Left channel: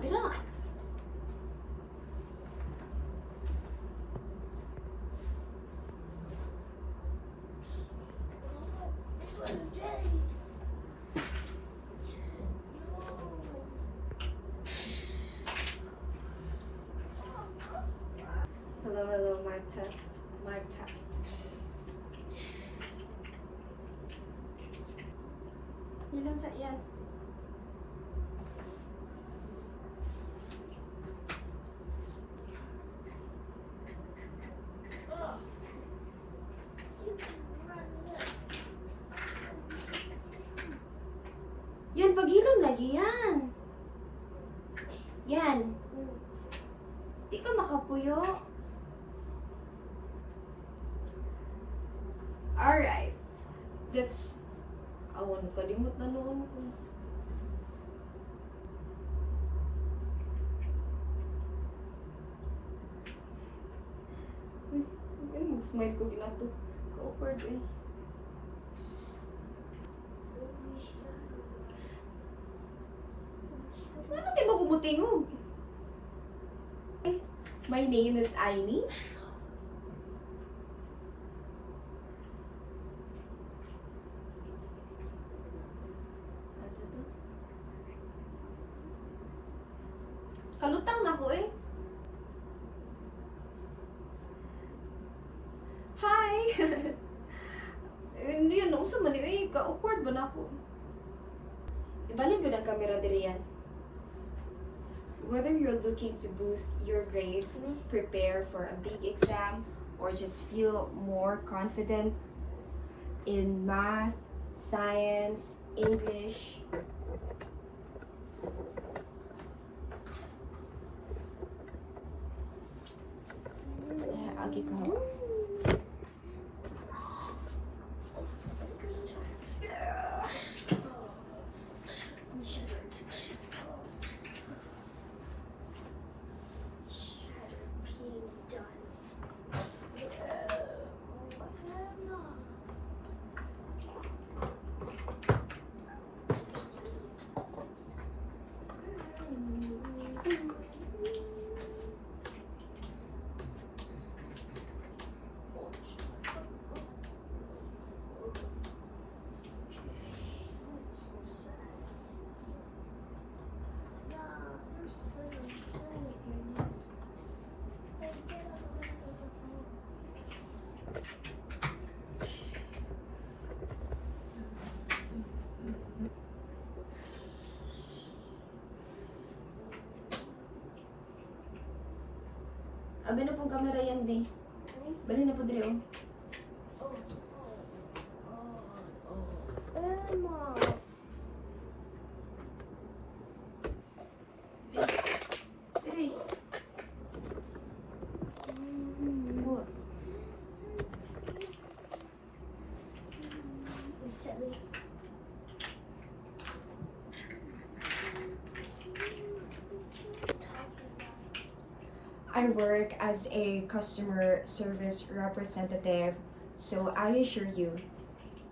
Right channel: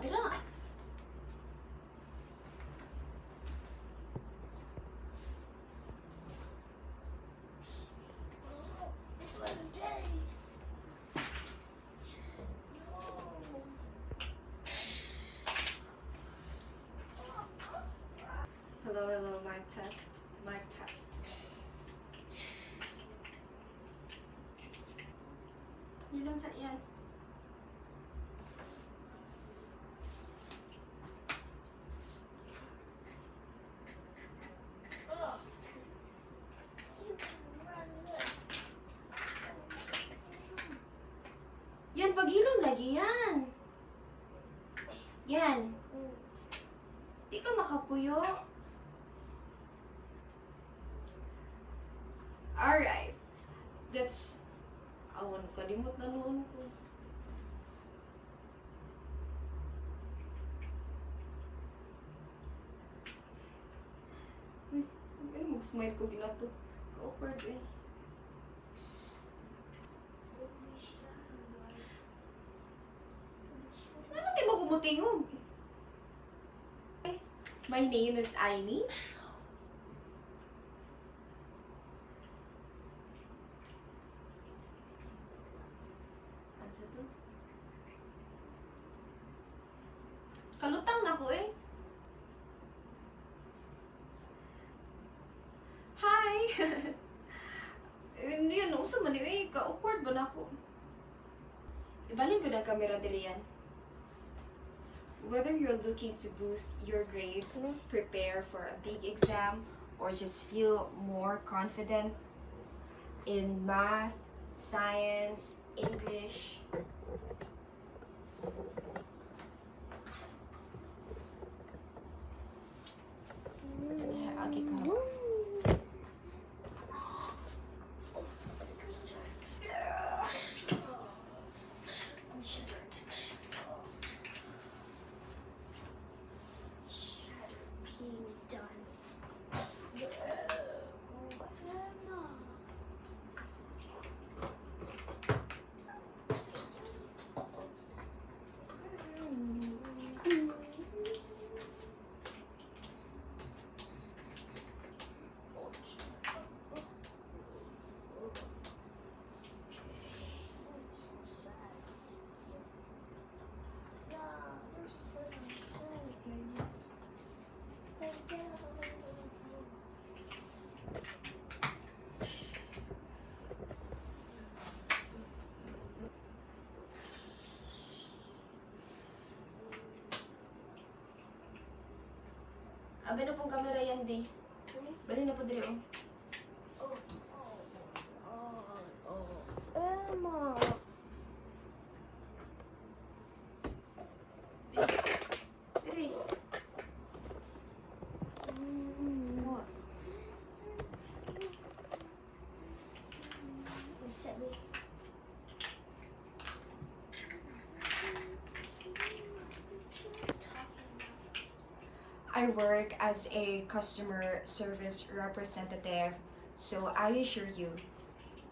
dira. Hello, hello, mic test. Mic test. Yan lang sa yan. Yan, pagilom lagi yan. Yan. Di ka makapuyo. Alright. That's... Awan, kalimot na noon ko. Uy, mag-smile ko ginato. Ka-awkward eh. Ano di ba kumutingog? My name is Aini. Kalutang na ko eh. Hi! Yun, usa man eh. Ka-awkward ba na ako? Ibalik yun ang camera diri yan. Whether you're looking to boost your grades, prepare for a big exam, or just feel more confident in math, science, English, agi ka. Abi na pong camera yan, B. Bali na po diri, oh. Diri. Oh. I work as a customer service representative, so I assure you,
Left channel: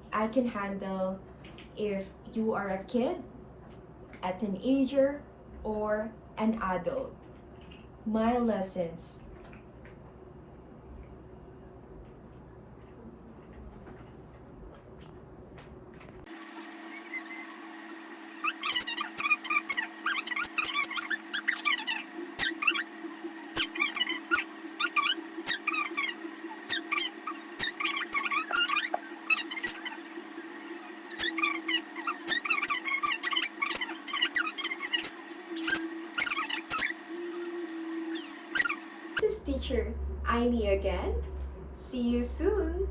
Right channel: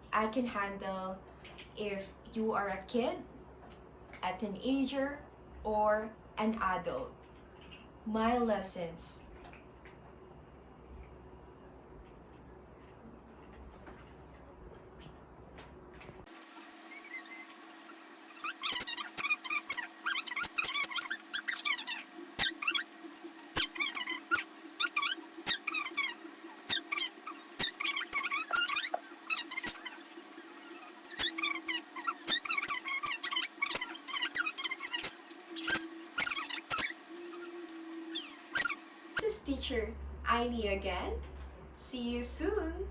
I can handle if you are a kid, a teenager, or an adult. My lessons. This is teacher Aini again. See you soon.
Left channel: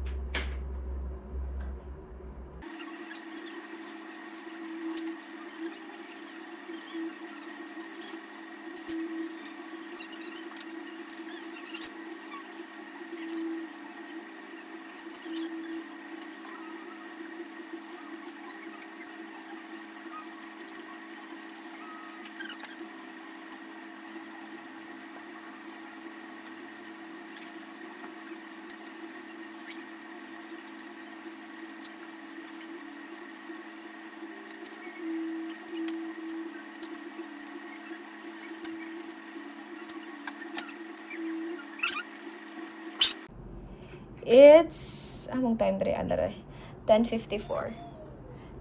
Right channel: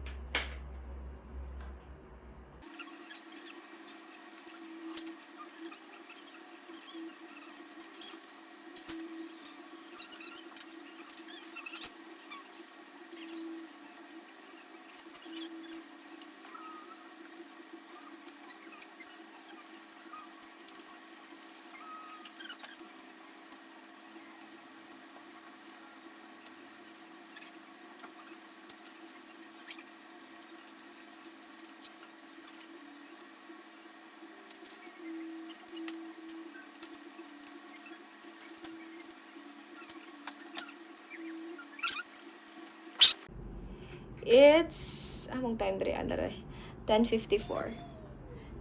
It's, among time dre, 10:54.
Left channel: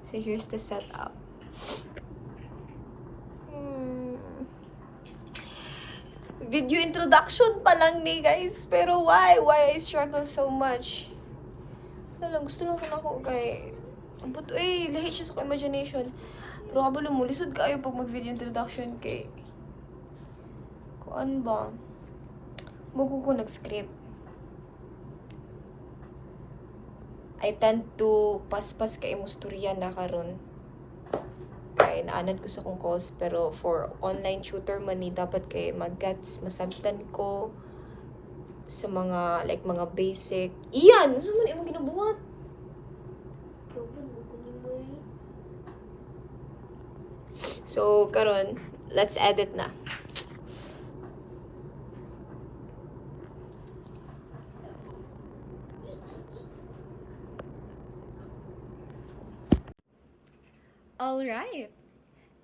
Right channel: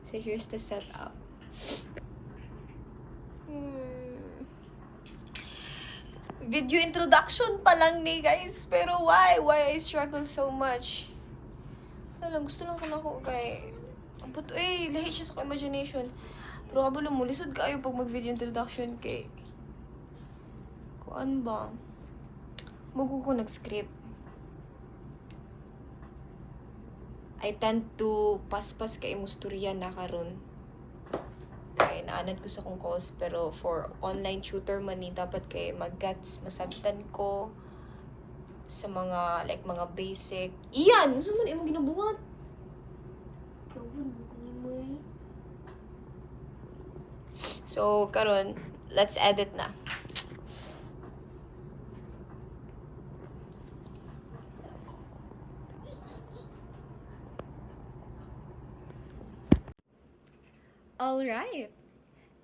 So here's the setup. Video introduction pa lang ni guys. Pero why? Why I struggle so much? Lang, gusto lang ko na ako, guys. But, lahi siya sa imagination. Pero kabalo mo, lisod kayo pag mag-video introduction kay... Kuan ba? Mugo ko nag-script. I tend to paspas kay musturya na karon. Kaya naanad ko sa kong calls, pero for online tutor man ni dapat kay mag-gets, masabtan ko sa mga, like, mga basic. Iyan! Gusto mo na imong ginabuhat? So, karon, let's edit na. Alright!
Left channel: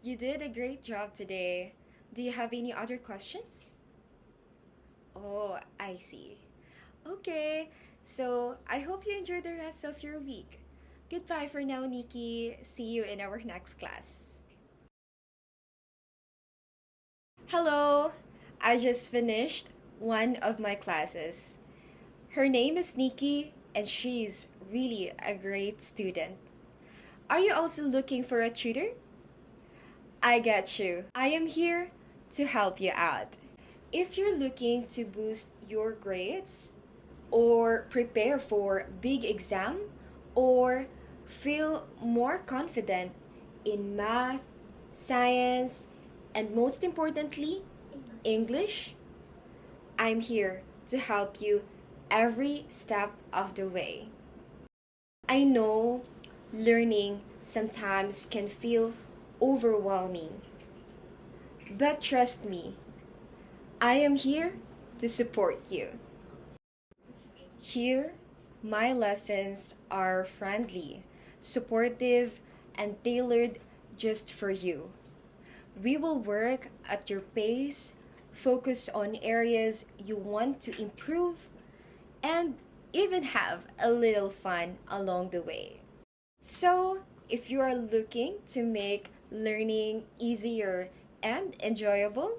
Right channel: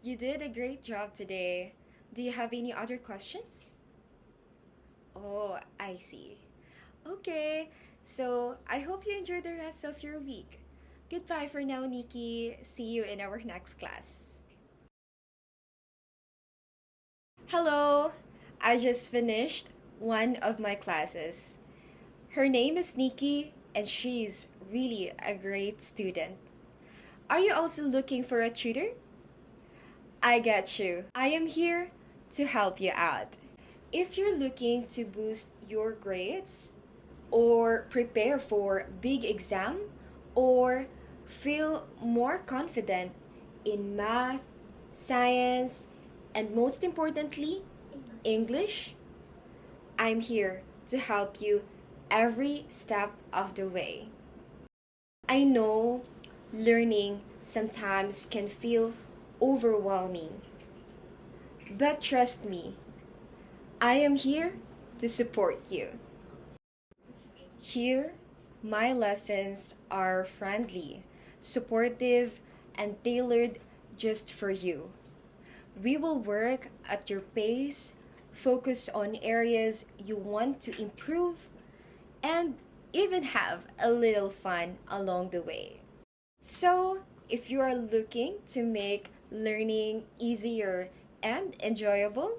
You did a great job today. Do you have any other questions? Oh, I see. Okay, so I hope you enjoy the rest of your week. Goodbye for now, Nikki. See you in our next class. Hello! I just finished one of my classes. Her name is Nikki, and she's really a great student. Are you also looking for a tutor? I get you. I am here to help you out. If you're looking to boost your grades, or prepare for big exam, or feel more confident in math, science, and most importantly, English, I'm here to help you every step of the way. I know learning sometimes can feel overwhelming, but trust me, I am here to support you. Here, my lessons are friendly, supportive, and tailored just for you. We will work at your pace, focus on areas you want to improve, and even have a little fun along the way. So, if you are looking to make learning easier and enjoyable,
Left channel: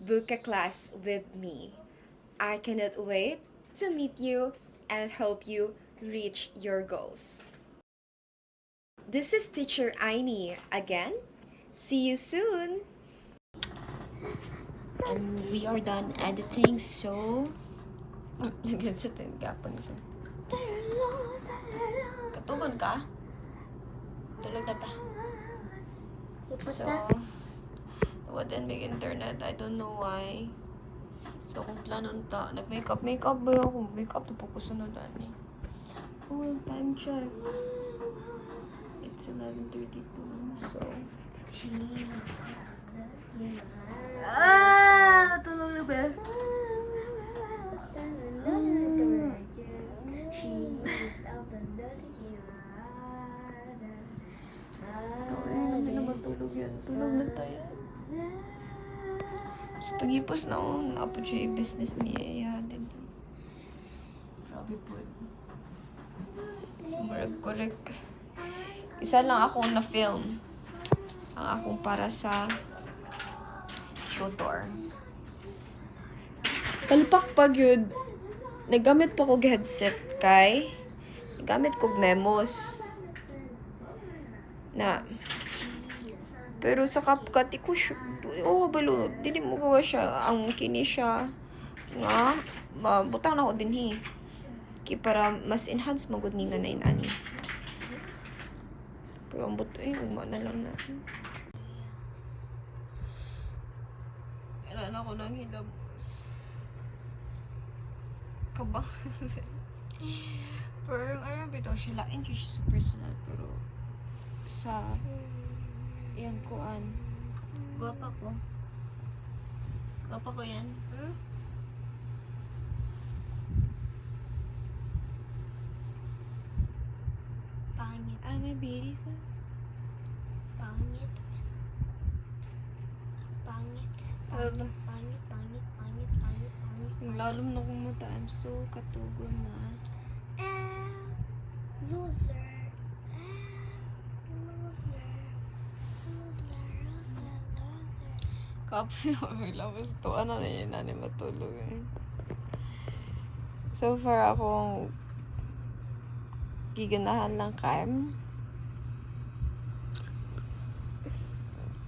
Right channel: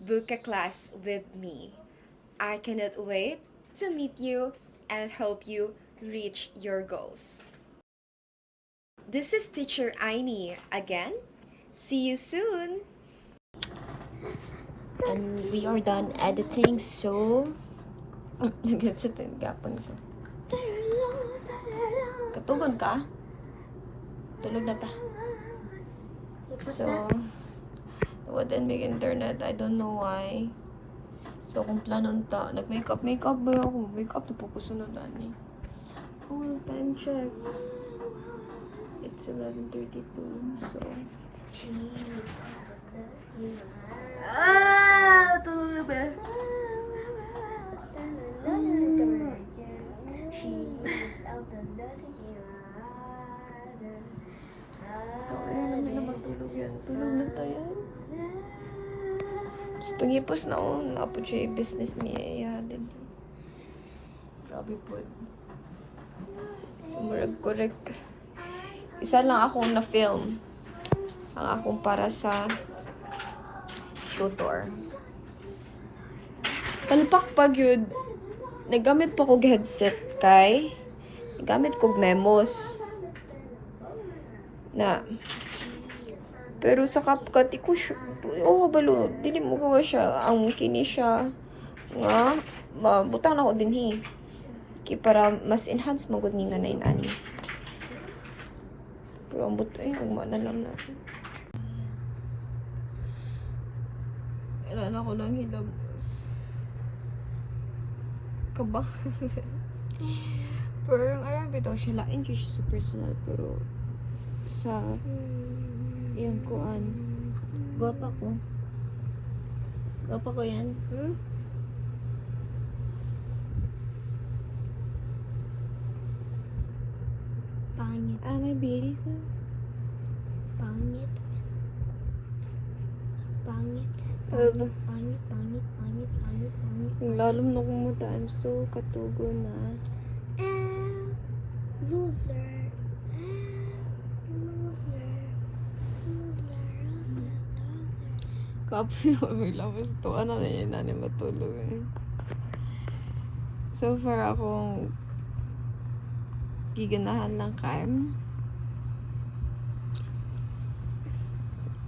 book a class with me. I cannot wait to meet you and help you reach your goals. This is Teacher Aini again. See you soon! We are done editing, so... Nagad sa tinggapan ko. Katugod ka? Tulog na ta. So, wouldn't be internet. I don't know why. So, kung planon ta, nag-makeup ba ako? Makeup na po ko sinudan eh. Oh, time check. It's 11:32, so... Tulog na ba? Ay, namin na matulog yan. Tulog na tayo. Basta pag-ipos na ako, nakapod siya yung business niya din. Grabe po. Sumurag correct. Isa lang akong na-film. Ang akong para sa tutor. Ano pag yun? Nagamit pa kong headset kay nagamit kong memos na pero sa CapCut iko balo dili mo gawa siya ang kini siya nga mabutang na ko dinhi kay para mas enhance magud ni nanay ani pero ang buto gumana lang natin kailangan ako nang hilamos kabang pero ang Arabi daw siya lain siya sa personal pero sa yung kuan gwapa ko yan pangit my beautiful pangit lalong na kung mata I'm so katugo na Kapoy na may labas to. Ano na yun na matulog eh. So far akong giganahan lang kan.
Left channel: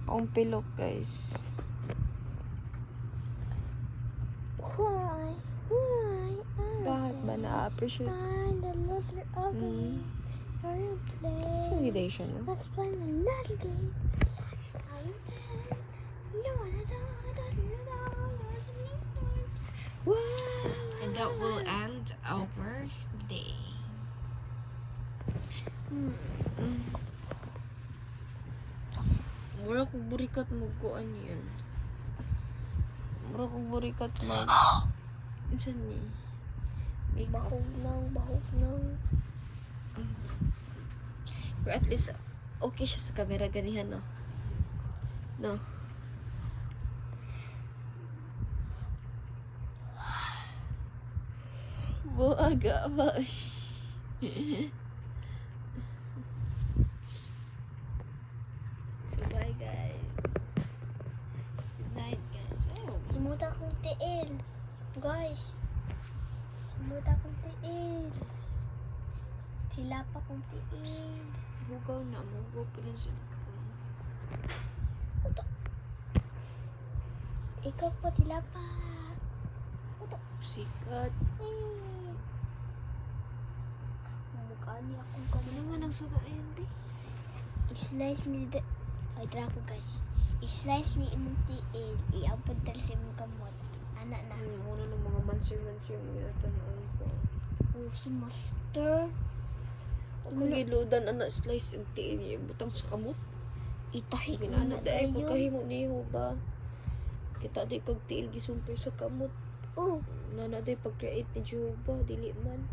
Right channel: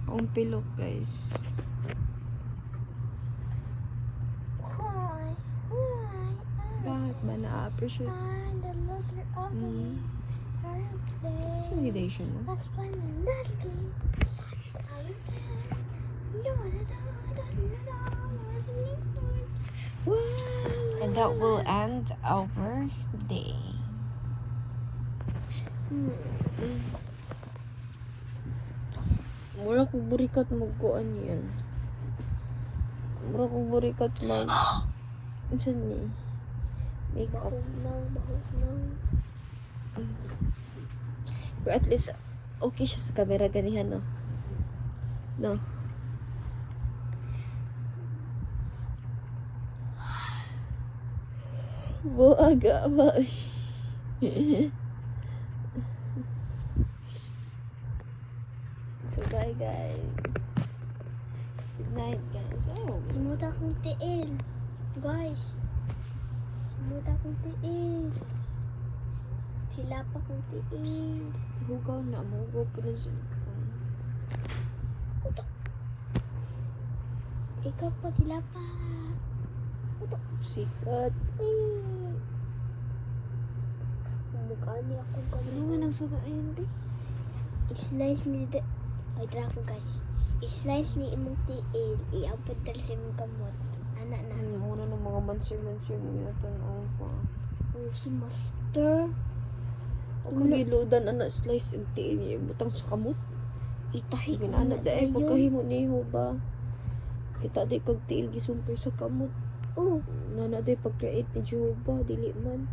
Akong pilok guys. Bakit ba na-appreciate? Mas magidation no? And that will end our day. Mura kong burikat magkuan yun. Mura kong burikat mag... Saan ni? Makeup. Bahog lang. Pero at least, okay siya sa camera ganihan, no? No? Buaga ba? So bye guys. Good night guys. Oh. Simuta kong tiil. Guys. Simuta kong tiil. Sila pa kong tiil. Hugaw na. Mahugaw pa rin sila. Ikaw pa sila pa. Sikat. Mukhaan niya akong Ano kamay. nga nang suga ayun di? I-slice ni do. Ay, tara ko guys. I-slice ni imong tiil. Iabot dali sa imong kamot. Anak na. Muna ng mga mansir-mansir na ito ang pa. Oh, si Master. Kung giludan anak slice yung tiin niya. Butang sa kamot. Itahi Sige na na na dahil tayo. pagkahimo niyo ba? Kita di kag tiil gisumpay sa kamot. Oh, Nana di pag-create ni Jehovah. Dili man.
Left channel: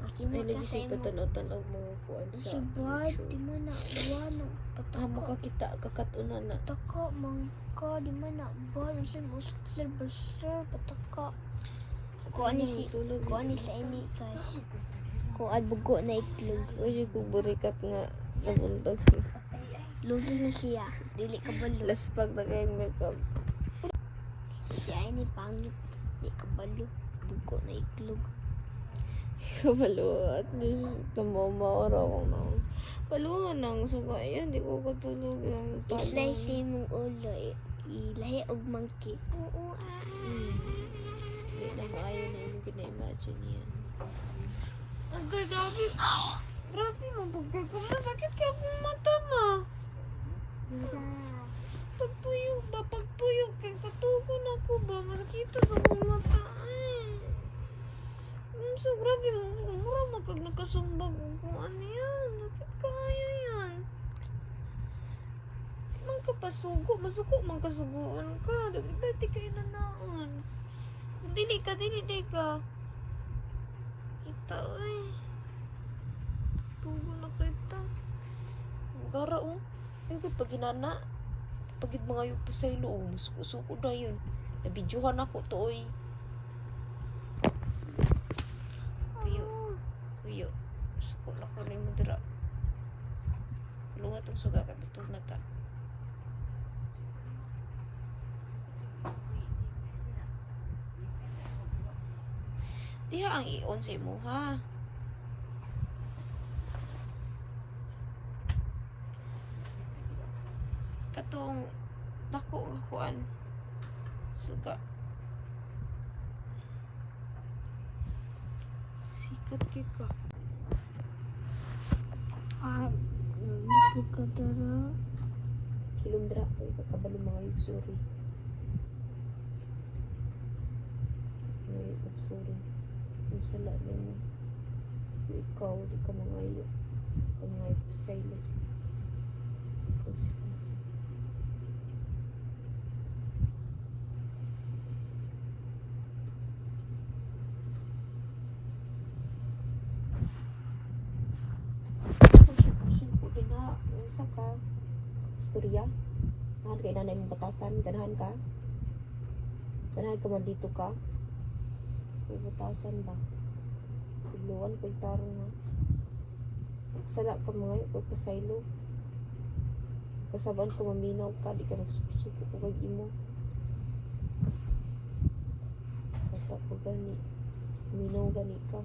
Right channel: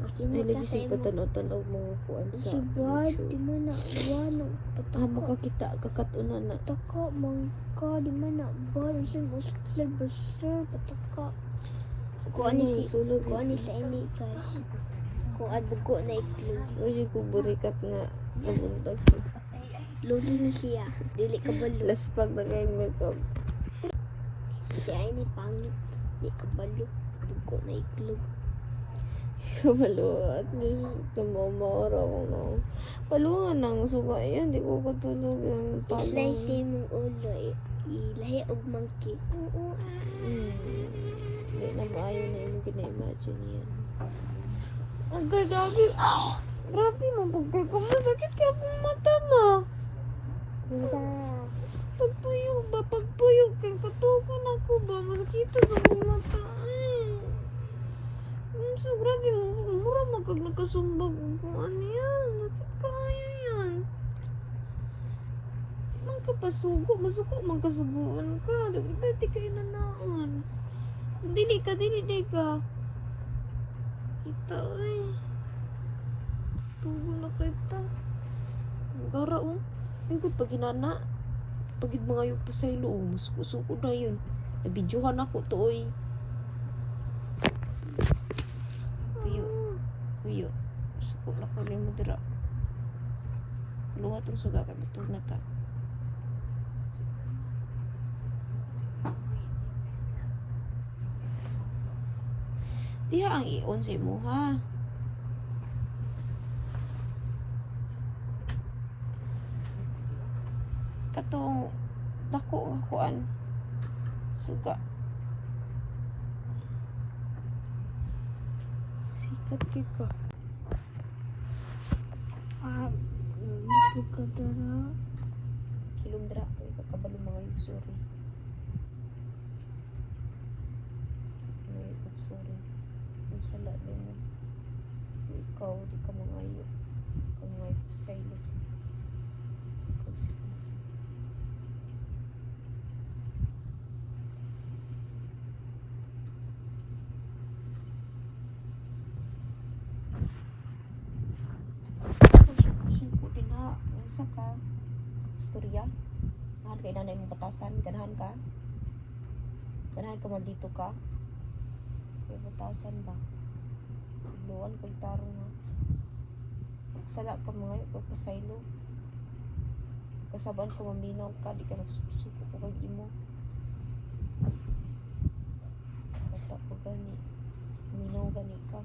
Ay simot lagi ka sa sa imong. patanaw-tanaw mga kuan sa Subad, di YouTube. man na iwan. Ah, Pataka. makakita kakatuna na. Pataka, mangka, di man na ba? Ang sa'yo mo, silver, pataka. Kuha ni si, tulog. kuha ni sa ini, guys. Kuha bugo na iklog. Uy, kung burikat nga nabundag. Lugi ni siya. Dili ka balo. Laspag na kayong makeup. Siya ini pangit. Dili ka balo. Bugo na iklog. Kabalo, at least namamaura ko na. Palungan ng suga yan, di ko katulog yung I-slice talong. mong ulo. Ilahi og monkey. Oo, Hindi na maayo na yung gina-imagine yan. Ang gagabi. Grabe mo, pagkay ko masakit ka pong mata ma. Pagpuyog ba? Pagpuyog kay katukan ako ba? Masakit ka pong mata. So, grabe mo. Mura magkag nakasumbag. Kung ano yan. Bakit kaya yan? Nang kapasugo. Masuko magkasuguan ka. Dati ka inanaon. Dili ka. Kita ay. Tugo na kita. Gara mo. Yung pag hinana. Pagid mga yung pasaylo. Masuko na yun. Nabidyohan ako to oy. Uyo. Suko na pala mo dira. Luwa itong suga ka. Betul na ta. Diha ang i-on sa imo ha. Katong dako nga kuan. Suga. Sikat kay ka. Hindi ka dara. Kilong dra kay kakabalo mga yung sorry. Ay, sorry. Kung sala na mo. Ikaw, di ka mangayo. Kung nga ipasaylo. Ikaw si Fisa. Siko din na. Isa ka. Istorya. Mahal kay nanay mong batasan. Ganahan ka. Ganahan ka man dito ka. May batasan ba? Tuluan kung tarong ha. Sala ka mga pagpasaylo. Kasabaan ko maminaw ka, di ka nagsusuko ko kag imo. Bata ko gani. Minaw gani ka.